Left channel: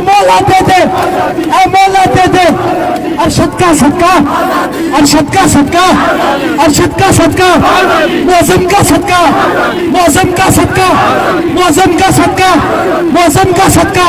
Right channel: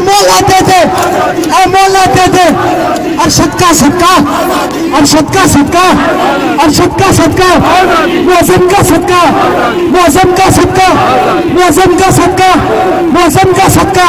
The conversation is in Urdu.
مول آتے تھے مول آتے تھے ارشد کا صدقہ ارشد کا صدقہ ارشد کا صدقہ معظم کا صدقہ معظم کا صدقہ معظم کا صدقہ معظم کا صدقہ